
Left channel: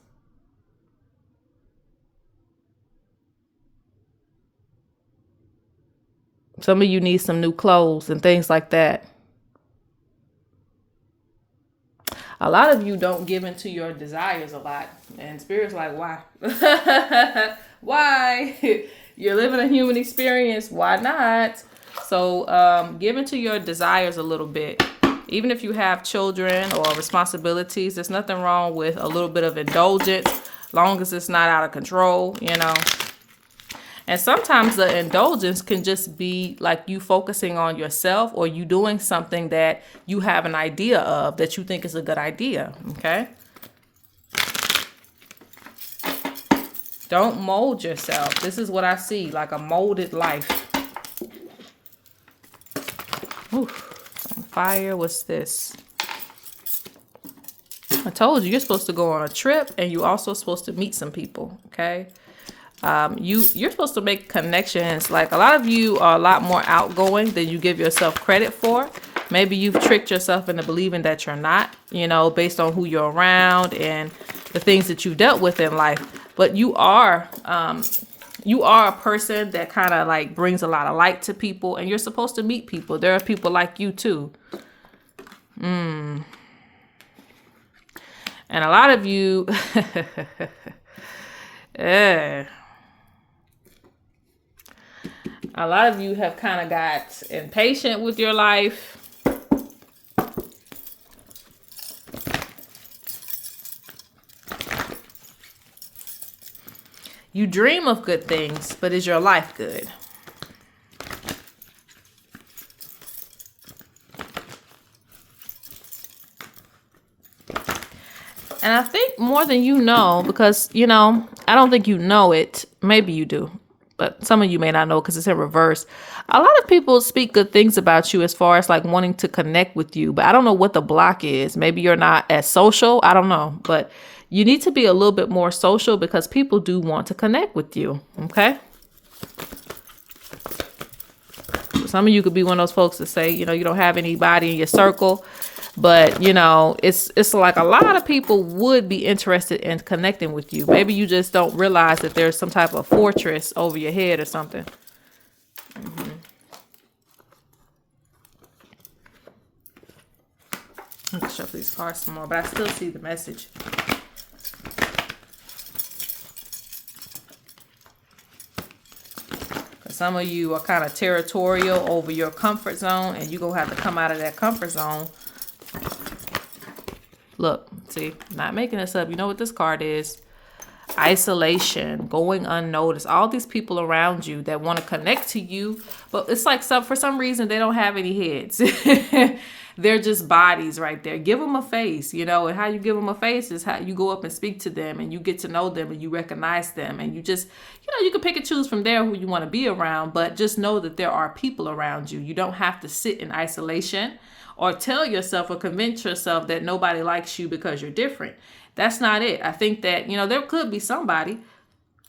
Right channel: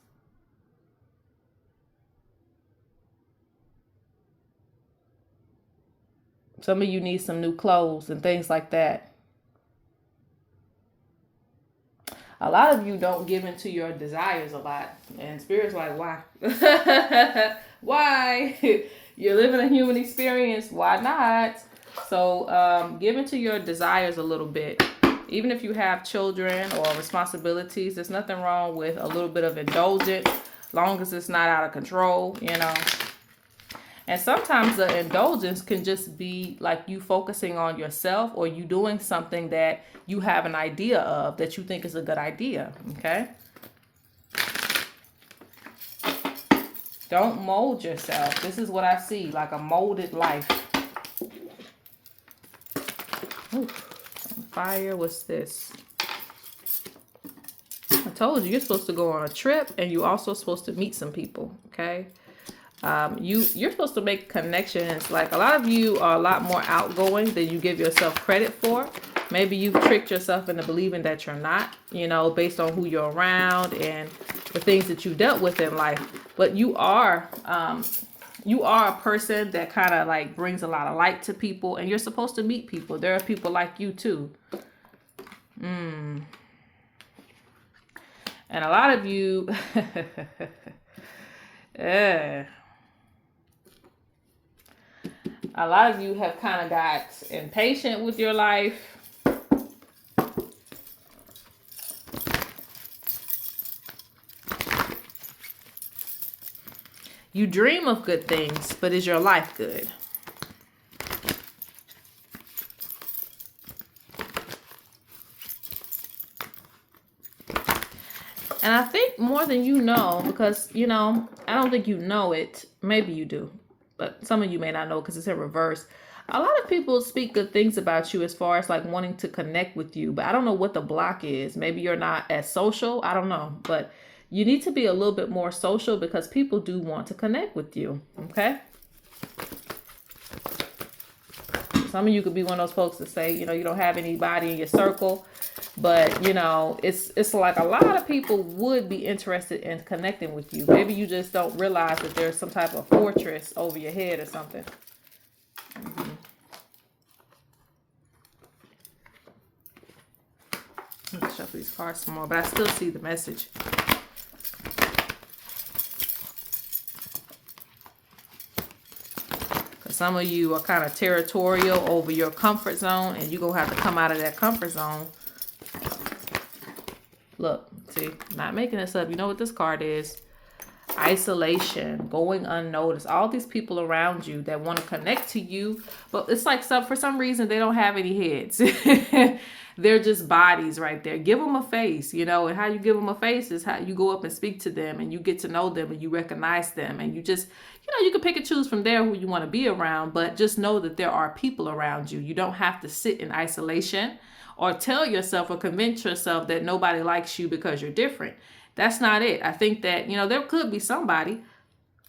Some of you need some new clothes and things like that. A lot of you don't give into your desires a lot. And Spirit's like, why? Why? You're living a human experience. Why not? So give into your desires a little bit. Even if you have children or responsibilities, there's nothing wrong with a little bit of indulgence, long as it's not out of control, And sometimes the indulgence can just be like you focusing on yourself, or you doing something that you have an idea of that you think is a good idea. Okay. Don't mold yourself. This is what I see, like a molded life. Ooh, on fire. What's this? I told you, you're supposed to go on a trip, and you're also supposed to meet some people. Okay. You're supposed to make connections. Like, a lot of you are a lot more outgoing than you give yourself credit for. Maybe you've tricked yourself into believing that you're not, based on who you're around and the things that you dealt with in life. But you are a person that kind of like brings a lot of light to people, and you're supposed to meet people. There are people like you too. And a lot of you, a lot of you have kind of got impatient with your life. You dream of good things, but is your life good? And I think more than you know, because, I don't think you know it. Maybe you do. But some of you may not know because it's in reverse. A lot of people speak good things about you as far as like wanting to connect with you. But I don't know what the block is. Maybe you're not as social. I don't know. But you need to be a little bit more social, because people do want to connect with you. Okay. Some of you could be one of those folks that say, you don't have anybody in your circle. But, it's like a lot of people would be interested in connecting with you. Maybe you just don't realize that there's some type of fortress over your head or something. shuffle these cards some more, but I still see the message. Because some of you are kind of territorial over your comfort zone, and you're going to have to come out of that comfort zone. Look, see, not making this up. You know what this card is? Isolation, going unnoticed. All these people around you that want to connect to you, but it's like for some reason they don't have any heads. They're just bodies right there. Give them a face, you know, and how you give them a face is how you go up and speak to them, and you get to know them, and you recognize them, and you just, you know, you can pick and choose from there who you want to be around, but just know that there are people around you. You don't have to sit in isolation or tell yourself or convince yourself that nobody likes you because you're different. That's not it. I think that, you know, there could be somebody,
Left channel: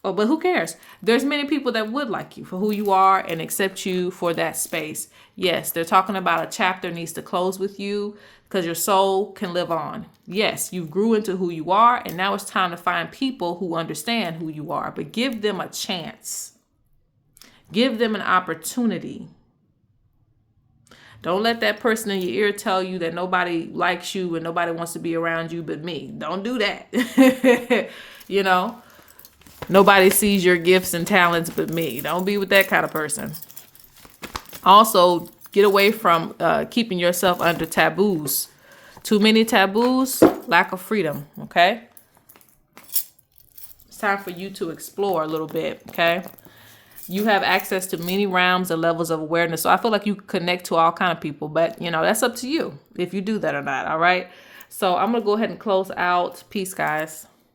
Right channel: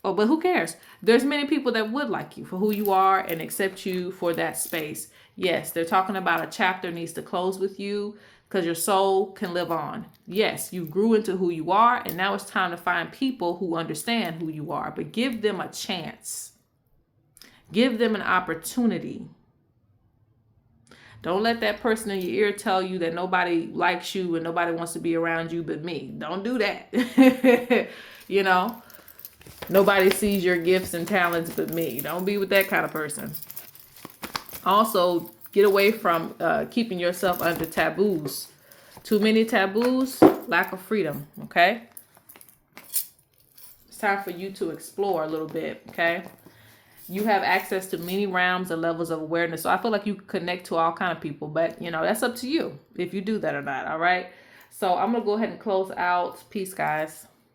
but who cares? There's many people that would like you for who you are and accept you for that space. Yes, they're talking about a chapter needs to close with you because your soul can live on. Yes, you grew into who you are, and now it's time to find people who understand who you are, but give them a chance. Give them an opportunity. Don't let that person in your ear tell you that nobody likes you and nobody wants to be around you but me. Don't do that. You know, nobody sees your gifts and talents but me. Don't be with that kind of person. Also, get away from keeping yourself under taboos. Too many taboos, lack of freedom, okay? It's time for you to explore a little bit, okay? You have access to many realms and levels of awareness. So I feel like you connect to all kind of people, but you know, that's up to you if you do that or not. All right. So I'm going to go ahead and close out. Peace, guys.